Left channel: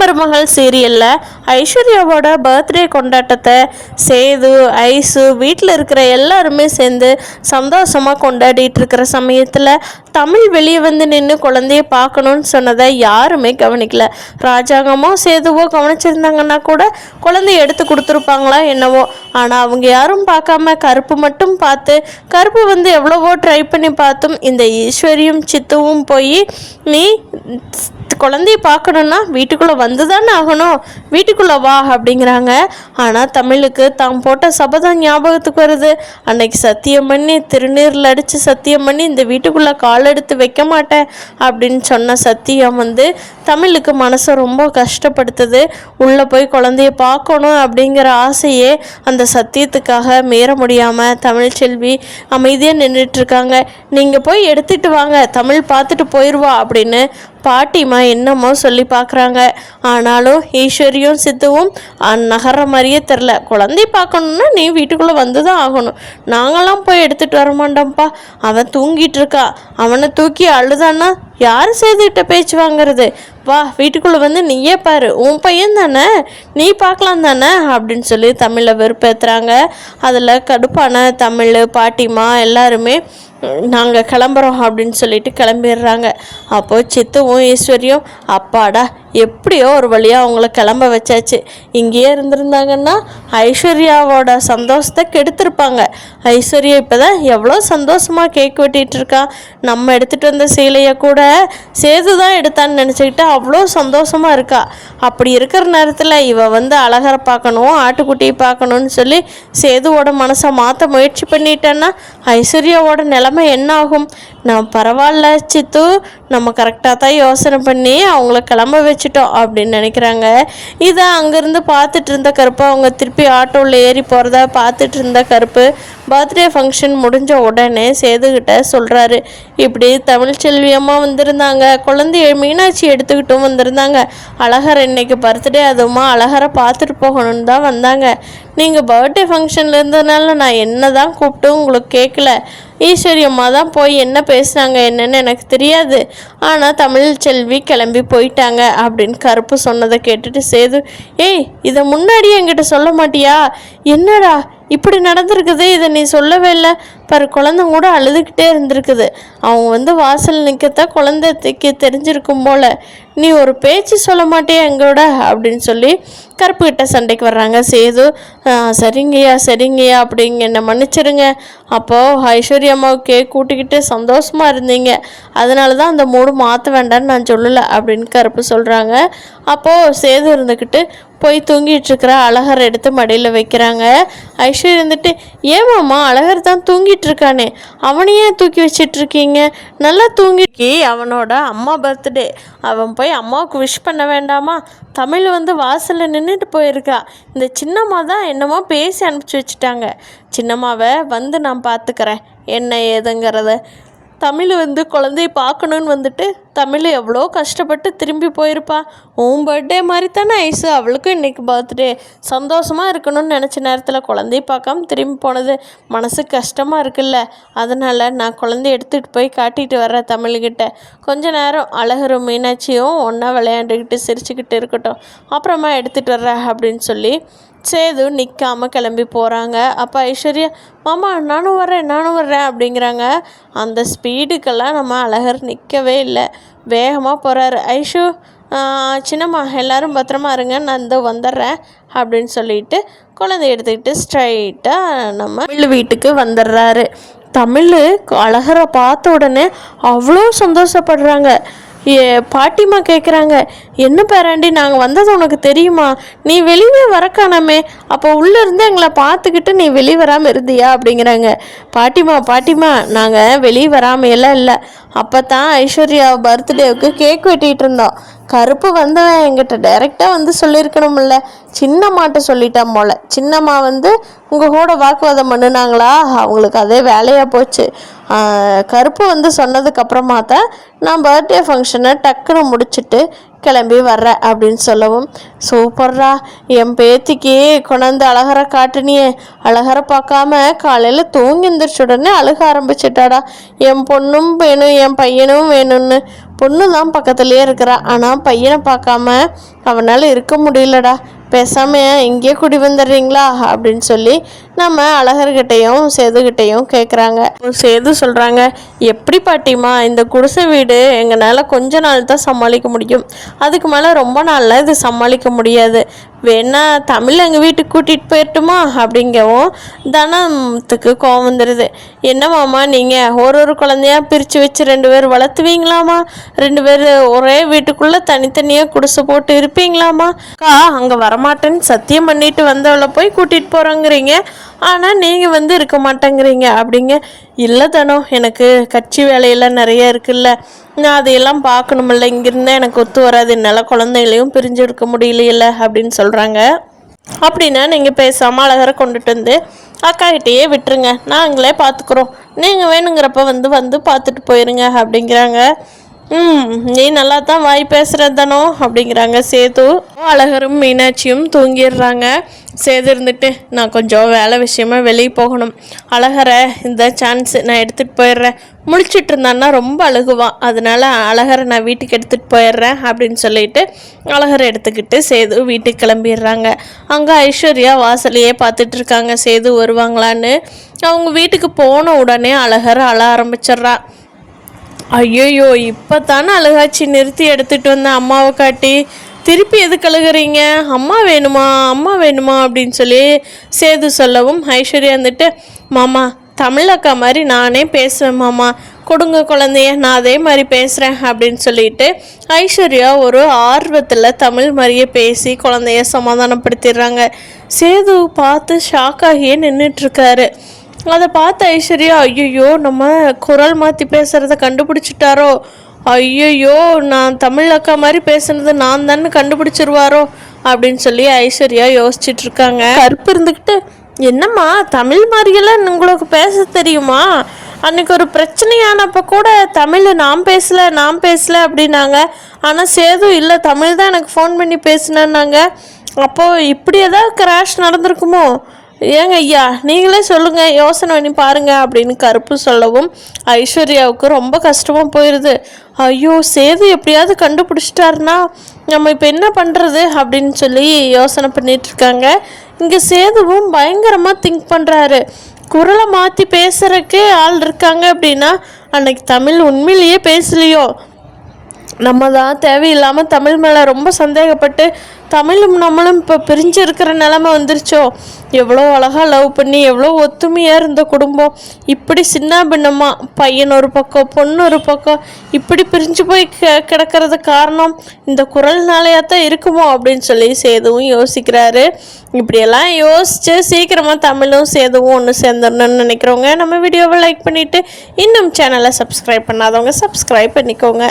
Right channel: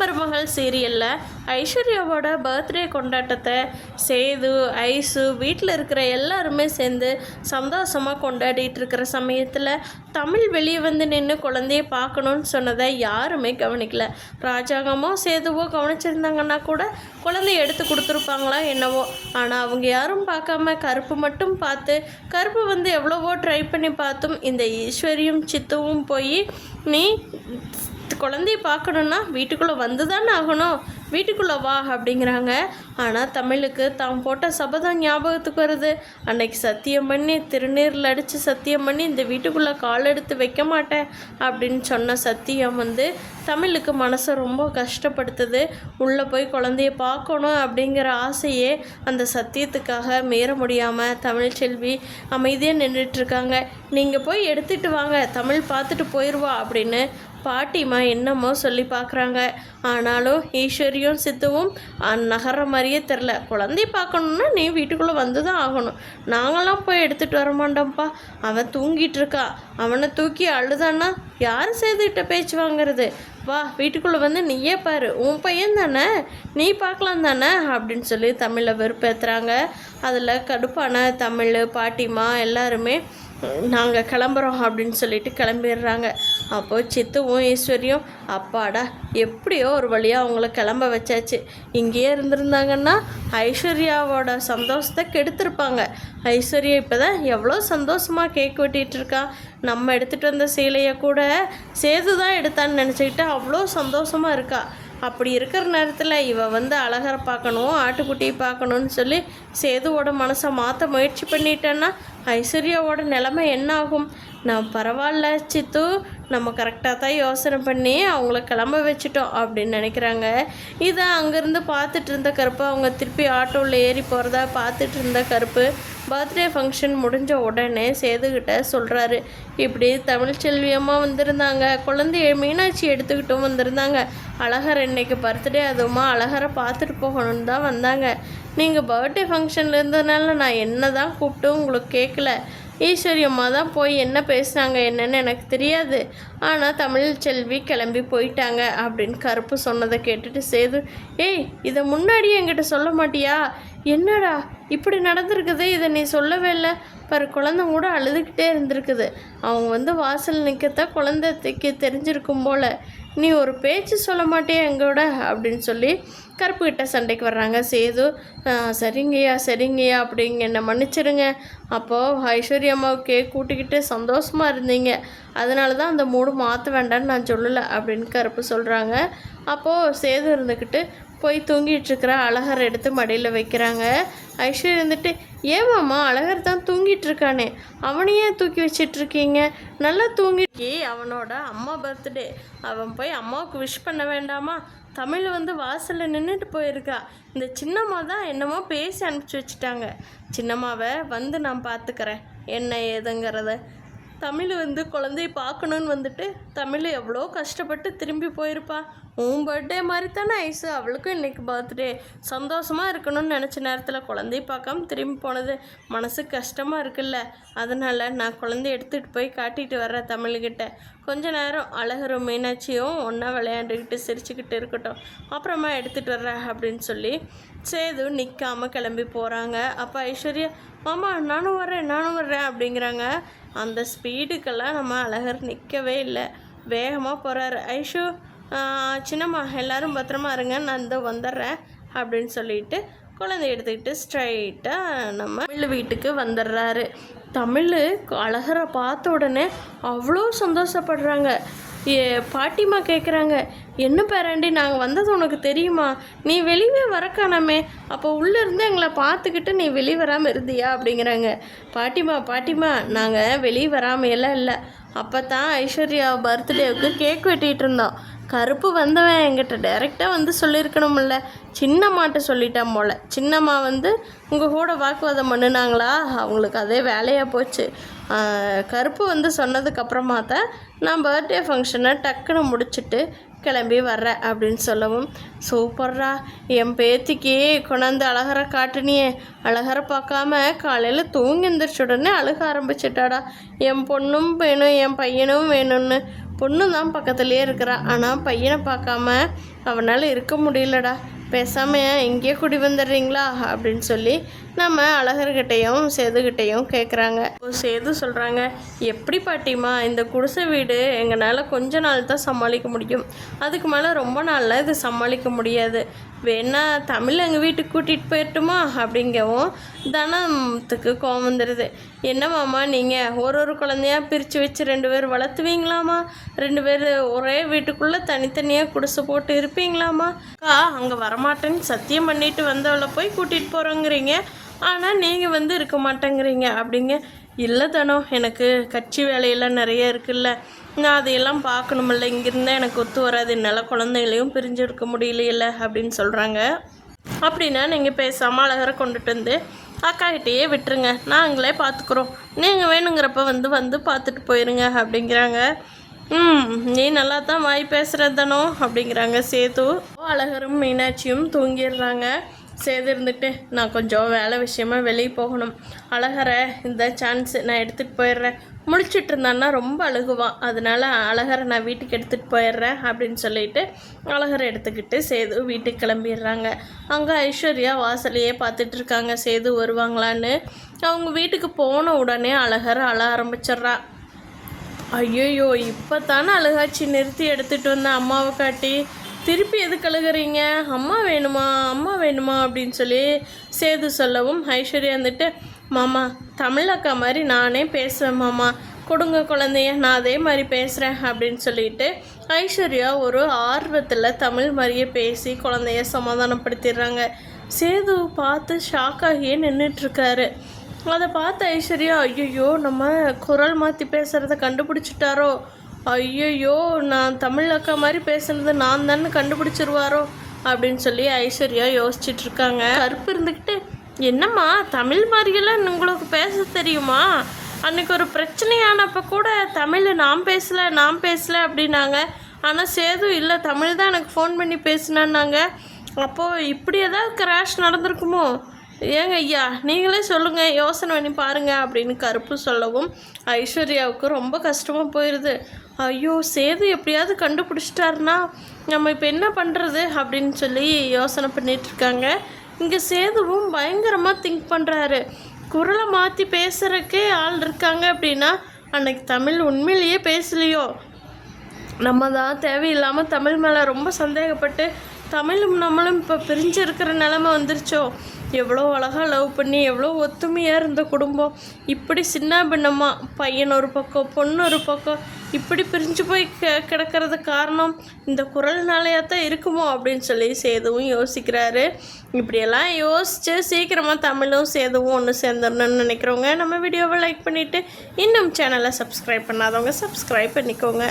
மருமகள் சீரியலில் ஐஸ்வர்யாவோட பர்த்டே கொண்டாட்டத்தை சேது ஐசு வீட்டில் இருக்கிற எல்லாருமே சேர்ந்து சந்தோஷமாக கொண்டாடிட்டு இருக்கிற சமயத்தில் தமிழ் வெளியே வந்து நின்று குழந்தைய பார்க்கணுன்னு சொன்னதை யாருமே கவனிக்கல. ராஜாங்கமோ சேதுவோ கவனிச்சிருந்தாங்கன்னா கூட குழந்தைய எடுத்து கொடுத்துருப்பாங்களா என்னவோ. ஆனால் அவங்க யாரும் பார்க்காம கருப்பு மட்டும் பார்த்து, கருப்பு வந்து எவ்வளவோ ட்ரை பண்ணி பார்த்தும் இந்த ஈஸ்வரியும் சித்துவும் போய் நீ குழந்தைய பார்க்கணுன்னா வீட்டுக்குள்ளே வந்து தானே ஆகணும், வீட்டுக்குள்ளே வா அப்படிங்கிறாங்க. ஆனால் தமிழுக்கு தான் போட்ட சபதம் ஞாபகத்துக்கு வருது. அன்னைக்கு சத்தியம் பண்ணி திருநீரில் அடித்து சத்தியம் பண்ணி இந்த வீட்டுக்குள்ளே கால் எடுத்து வைக்க மாட்டேன் அப்படின்னு சொன்ன சத்தியம் வந்து தமிழுக்கு மனசை ரொம்ப கஷ்டப்படுத்துது. உள்ளே போய் குழந்தைய பார்க்கணும் அப்படிங்கிற ஆசையே அந்த சத்தியத்துக்காக மீற முடியாமல் தமிழ் செல்வி அமைதியாக நின்றுட்டுருக்காங்க. நீங்கள் போய் எடுத்துகிட்டு வாங்க, தமிழ் பார்த்துட்டு போயிடுவா அப்படின்னு பாட்டிமா என்னமோ சொல்லி பார்க்குறாங்க. ஆனாலும் ஈஸ்வரியும் சித்துவும் நகர்ற மாதிரியே தெரில. குழந்தை பார்க்கணுன்னா நீ வீட்டுக்குள்ளே வந்து தான் ஆகணும், நாங்களாம் போய் எடுத்துகிட்டு வர மாட்டோம்ப்பா, அவன் தூங்கிட்டு இருக்கா, அவனை தூக்கி அழுதான்னா யார் செய்துகிட்ட பேச்சு வாங்கிறது, வா வீட்டுக்குள்ளே வந்து நீயே பாரு, உன் பையன் தானே, நீ பார்க்கலாம் தானே அப்படின்னு சொல்லி தமிழை வெறுப்பேற்றுறாங்க. அதில் கடுப்பான தமிழ் பாட்டிமா எல்லாருமே நாங்கள் கிளம்புறோம் அப்படின்னு சொல்லிட்டு கிளம்பிடுறாங்க. அப்போது சித்துவும் ஈஸ்வரியும் அப்பாடா எப்படியோ ஒரு வழியாக அவங்கள கிளம்ப வச்சாச்சு. இங்கேயே இருந்திருந்தாங்கன்னா ஐஸ்வர்யாவோட சந்தோஷத்தை கெடுத்திருப்பாங்க. ஐஸ்வர்யா இப்போ தான் எவ்வளோ சந்தோஷமாக கேக் வெட்டிகிட்டு இருக்கா. நம்ம எடுத்துகிட்டு வந்த சீலையை கூட சேது தான் எடுத்தான்னு நினச்சிக்கிட்டு அவ்வளோ சந்தோஷமாக இருக்கா. அப்படி இருக்கிற நேரத்தில் இவ வந்து அழகரை பார்க்கணும், ஆட்டுக்குட்டியை பார்க்கணுன்னு சொல்லி சேதுவோட மனசை மாற்ற முயற்சி பண்ணிட்டேன்னா ஐஸ்வர்யாவோட நிலைமை என்ன ஆகும்? நான் பரவாயில்ல சித்து, நம்ம கரெக்டாக தான் யோசனை பண்ணி அவங்கள கிளம்ப வச்சுட்டோம் அப்படின்னு நினைக்கிறாங்க. இதை அங்கேருந்து பார்த்துட்டு இருந்த கருப்பு அவங்க திருப்பி ஆட்டோவில் ஏறி போகிறத பார்த்துட்டு இருந்த கருப்பு பர்த்டே ஃபங்க்ஷன் முடிஞ்ச உடனே சேதுக்கிட்ட சொல்கிறாரு, இப்படி தமிழ் செல்வியம்மா வந்திருந்தாங்க, குழந்தைய மீனாட்சி எடுத்துக்கிட்டும் வந்திருந்தாங்க, அழகர் இன்னைக்கு பர்த்டே, அதுவுமா அழகரை பார்த்துட்டு போகணுன்னு தான் வந்தாங்க. நீங்கள் பர்த்டே ஃபங்க்ஷனில் இருந்ததுனால நான் என்ன தான் கூப்பிட்டு உங்களுக்கு கேட்கல, ஈஸ்வரி அம்மா தான் போய் என்ன பேசுனாங்க என்னன்னு எனக்கு தெரியாது, ஆனால் தமிழ் செல்வி கிளம்பி போயிட்டாங்க அப்படின்னு கருப்பு சொன்னதை கேட்டுட்டு சேது, ஏய் இதை முன்னாடியே என்கிட்ட சொல்ல மாட்டியா, என்னடா இப்படி நடந்திருக்குது, இதை நீ சொல்லவே இல்லை பாரு, குழந்தை கூட அழுதுகிட்டே இருந்திருக்குது, அவங்க வந்து வாசல் நிற்கத்தான் குழந்தைக்கு தெரிஞ்சிருக்கும் போல், நீ ஒரு பேச்சு சொல்ல மாட்டியா எங்களோட அப்படின்னு சொல்லி கருப்புக்கிட்ட சண்டைக்கு வர்றாங்க. சேது சரிங்கய்யா சரிங்கய்யா அப்படிங்க என்னை மன்னிச்சிருங்க, அப்போது ஐஸ்வர்யா அம்மாவுக்கு கூட்டிக்கிட்டு சந்தோஷமாக இருந்தீங்க, அதனால தான் அந்த மூடு மாற்ற வேண்டான்னு நான் சொல்லலை அப்படின்னு கருப்பு சொல்கிறாங்க. அப்போது சேது இருந்துக்கிட்டு போய் தூங்கிட்டுருக்கிற அழகர் எடுத்து மடியில் வைக்கிறாங்க. ஐஸ்வர்யா இருந்துட்டு, ஏமாம்மா அழகர் தான் தூங்கிட்டு இருக்கானே, அவனையே தூக்கி வச்சிட்ருக்கீங்க, நல்லா தூங்கிக்கி, அவனோட அம்மா பர்த்டே, அவன் போய் அம்மாவுக்கு விஷ் பண்ண வேண்டாமா, தமிழ் வந்து வாசலில் நின்றுட்டு போயிருக்கா, இந்த சின்னம்மா தான் என்னமோ பேசி அனுப்பிச்சி வச்சுட்டாங்க, சின்னம்மாவை வந்து நான் பார்த்துக்கிறேன் என்ன ஏதுங்கிறத, தமிழ் வந்து குழந்தைய பார்க்கணுன்னு வந்துட்டு தமிழ் எவ்வளோ கஷ்டப்பட்டு திரும்பி போயிருப்பா, உன் பர்த்டே மாதிரி தானே ஐஸு, அவளுக்கும் இன்றைக்கி பர்த்டே, சந்தோஷமாக இருக்கணும்னு நினச்ச நேரத்தில் குழந்தைய பார்க்காம திரும்பி போனது மனசுக்கு கஷ்டமாக இருக்குல்ல, அதனால் நான் குழந்தைய எடுத்துகிட்டு போய் காட்டிகிட்டு வர்றேன் தமிழ்கிட்ட, கொஞ்ச நேரம் அழகரும் மீனாட்சியும் ஒன்றா விளையாண்டுக்கிட்டு சிரிச்சுக்கிட்டு இருக்கட்டும், அப்புறமா எடுத்துகிட்டு வர்றேன் அப்படின்னு சொல்லி சேது நிற்காமல் கிளம்பி போகிறாங்க. அப்போ ஐஸ்வர்யா, மாமா நானும் வர்றேன் அப்படிங்கிறாங்க. அந்த ஸ்பீடுக்கெல்லாம் நம்ம அழகர் நிற்கவே இல்லை, வேகமாக போகிறாரு. ஐஷு சின்னம்மா எல்லோரும் பத்திரமா இருங்க, நான் இந்த வந்துடுறேன் அப்படின்னு சொல்லிட்டு குழந்தைய எடுத்துக்கிட்டு ஸ்ட்ரைட்டாக நம்ம வீட்டுக்கு வந்துடுறாரு. தமிழ் அழகரை பார்த்த உடனே அவ்வளோ சந்தோஷப்படுறாங்க. பாட்டிமா கேட்குறாங்க, என்ன பேராண்டி நாங்கள் வந்தது உனக்கு தெரியுமா, நீ வெளியே வரக்கானாமே, அப்போ உள்ளேருந்து எங்களை பார்த்துக்கிட்டு நீ வெளியே வராமல் இருந்தியா அப்படிங்கிறாங்க. பாட்டிமா நாங்கள் வெளியே வராமையெல்லாம் இல்லை, அப்போ தான் ஐஸ்வர்யா பர்த்டேவுக்கு கேக் வெட்டிகிட்டு இருந்தோம், கருப்பு வந்தவன் என்கிட்ட டைரெக்டாக வந்து சொல்லியிருக்கணும்ல, சின்னம்மாட்ட சொல்லிட்டான் போல், சின்னம்மா வந்து உங்கள் கூட வாக்குவாதம் பண்ணுனாங்களா, அவங்களுக்கு அதே வேலையாக போச்சு, கருப்பு வந்து சொன்னதுக்கப்புறமா தான் நான் பர்த்டே ஃபங்க்ஷனை டக்குன்னு முடிச்சுட்டு கிளம்பி வர்றேன் அப்படின்னு சொல்லவும், சூப்பர்ரா என் பேத்திக்கு கொண்டாந்து அழகரை காட்டுனியே, அழகரை பார்க்காம காலையில் தூங்கி எந்திரிச்ச உடனே அழுக ஆரம்பிச்சிட்டாடா, என் பொண்ணும் வேணும் என் பையனும் வேணும்னு, பொண்ணு தான் பக்கத்துலேயே இருக்கிறா, ஆனால் பையனை பார்க்காம அவனால் இருக்க முடியலடா, பேசாமல் இங்கேயே குடி வந்துடுறீங்களா அப்படின்னு சொல்லி நம்ம அழகர்கிட்டையும் சேதுகிட்டையும் கேட்குறாங்க. சேது சொல்கிறாங்க, எப்படி பாட்டிமா, இந்த குடிசை வீடு எங்களால் கொஞ்ச நாள் தான் சமாளிக்க முடியும், அதுக்கு மேலே ரொம்ப நாளில் இது சமாளிக்க முடியாது, வேணா தமிழ் எங்கள் வீட்டுக்கு கூட்டிகிட்டு போயிட்டுமா அப்படிங்கவும் தனத்துக்கு கோவம் வந்துடுது. என்ன மாமா நீங்கள் ஒரு குழந்தையா பிரித்து வச்சு 2 பேர் வளர்த்துவீங்களாமா, 2 பேர் ஒரே வீட்டுக்குள்ளே தனித்தனியாக குடிசை போட்டு இருப்பீங்களாமா, அக்கா அங்கே வரமாட்டேன்னு சத்தியம் பண்ணிட்டு வந்தவளை போய் கூட்டிகிட்டு போகிறோங்கிறீங்க, ஆனால் நீங்கள் இருக்க மாட்டேங்கிறீங்க அப்படிங்க. இல்லை தானோ, எனக்கு கட்சி வேலையெல்லாம் நிறைய இருக்குல்ல, நான் அதையெல்லாம் பார்க்கணுமில்ல, இங்கிருந்தால் எனக்கு ஒத்து வராது, என்னால் குழந்தைகளையும் பிரிஞ்சு எடுக்க முடியலையில்ல அப்படின்னு சொல்கிறாங்க. அப்படின்னா நீங்கள் பேசாமல் அழகரை கொண்டுட்டு வந்து அக்காகிட்டேயே விட்டுருங்க, நாங்களே பார்த்துக்குறோம், நீங்கள் வேணுங்கிறப்ப வந்து பார்த்துட்டு போயிருங்க அப்படிங்கிறாங்க. நீ நல்லா தான் வாய் பேசுகிறது தானோ அப்படிங்கிறாங்க சேது. அழகரும் மீனாட்சியும் தூங்கிடுறாங்க. சேது இருந்துட்டு, நான் கொஞ்சம் வேலை விஷயமா வெளியே போகணும், அழகரை இந்த சான்ஸ் நான் எடுத்துகிட்டு போயிடுறேன், முழிச்சிட்டு இருந்தான்னா ரொம்ப அழுகுவான், அதனால் அழகரை நான் வீட்டுக்கு எடுத்துகிட்டு போயிடுறேன் அப்படின்னு சொல்லிட்டு அழகரை எடுத்துக்கிட்டு சேது வீட்டுக்கு கிளம்பிடுறாங்க. அங்கே ஐஸ்வர்யா வாசலையே பார்த்துட்டு இருக்காங்க சேது வருவாங்களான்னு. அவங்க வீட்டுக்கு போன உடனே அழகர் அழ ஆரம்பிச்சிட்றா. ஐயோயோ, இப்போ தானே அழுகாச்சி, நிறுத்தி எடுத்துகிட்டு வந்தேன் அம்மாவை காட்டி, திருப்பி எதுக்கு அழுகிறீங்க, அம்மா வேணுமா அம்மா வேணுமா அப்படின்னு சொல்லி சேது சொல்லவும் ஐஸ்வர்யா வந்துட்டு, மாமா தமிழ் அக்கா மாதிரி நானே பேசுவேன் மாமா, கொடுங்க குழந்தைய, நான் அதே மாதிரி பேசுகிறேன் அப்படின்னு சொல்லிட்டு ஐஸ்வர்யா ஒரு ஆர்வத்தில் தமிழ் மாதிரியே பேசி குழந்தைய சமாதானப்படுத்திடுறாங்க. சேது பார்த்து ஷாக்காகியே நின்றுட்டுருக்காரு. அதை பார்த்த ஐஸ்வர்யா, ஐயோ நம்ம குரல் மாற்றி பேசுகிறத கண்டுபிடிச்சிட்டாரோ, ஐயோ நான் தமிழ் அக்கா மாதிரி பேசுனது நான் தானே கண்டுபிடிச்சிருவாரோ அப்படின்னு சொல்லி ஐஸ்வர்யா யோசிச்சுட்ருக்காங்க. கருப்பு இருந்துக்கிட்டு, என்னம்மா தமிழ் மாதிரியெல்லாம் உங்களுக்கு பேச தெரியுமா, அன்றைக்கி ஒரு பிரச்சனையானப்போ கூட தமிழ் நான் பேசலை அப்படின்னாங்க, ஆனால் சேது இல்லை தமிழ் தான் எனக்கு ஃபோன் பண்ணி பேசினாங்க, அப்போது இப்படி ஏதாவது கிராஷ் நடந்திருக்குமோ, ஏங்க ஐயா நீங்களே சொல்லுங்கள், யோசனை பண்ணி பாருங்கள் அப்படின்னு கருப்பு சொல்லவும் ஐஸ்வர்யாவுக்கு ரொம்ப கஷ்டமாக போயிடுது. ஐயோ சேது எப்படியாவது கண்டுபிடிச்சிட்டாருன்னா நம்ம இப்போ என்ன பண்ணுறது அப்படின்னு சொல்லி யோசனை பண்ணிகிட்ருக்காங்க. இங்கே சேதுவும் பயங்கரமாக திங்க் பண்ணுறாரு, குரலை மாற்றி பேசுகிறதுக்கு ஆள் இருக்காங்க அப்படின்னா அன்னைக்கு தமிழ் உண்மையிலேயே பேசலையோ, நம்ம தான் தேவையில்லாமல் தமிழ் மேலே ரொம்ப சந்தேகப்பட்டு தமிழும் நம்மளும் இப்போ பிரிஞ்சு இருக்கிற நிலமை வந்துருச்சோ, எவ்வளோ அழகாக லவ் பண்ணி எவ்வளோ ஒத்துமையாக இருந்த குடும்பம் இப்படி சின்ன பின்னமாக பையன் ஒரு பக்கம் பொண்ணு ஒரு பக்கம் இப்படி பிரிஞ்சு போய் கிடக்கிறது காரணம் இந்த குரல்னாலையாக தான் இருக்குமோ அப்படின்னு சொல்லி சேதுவும் யோசிக்கிறாரு. இப்படியெல்லாம் யோசித்து சீக்கிரமாக தமிழும் சேதுவும் ஒன்று சேர்ந்துடணும்னு நினைக்கிறவங்க நம்ம வீடியோவை லைக் பண்ணிவிட்டு இன்னும் சேனலை சப்ஸ்கிரைப் பண்ணாதவங்க சப்ஸ்கிரைப் பண்ணிக்கோங்க.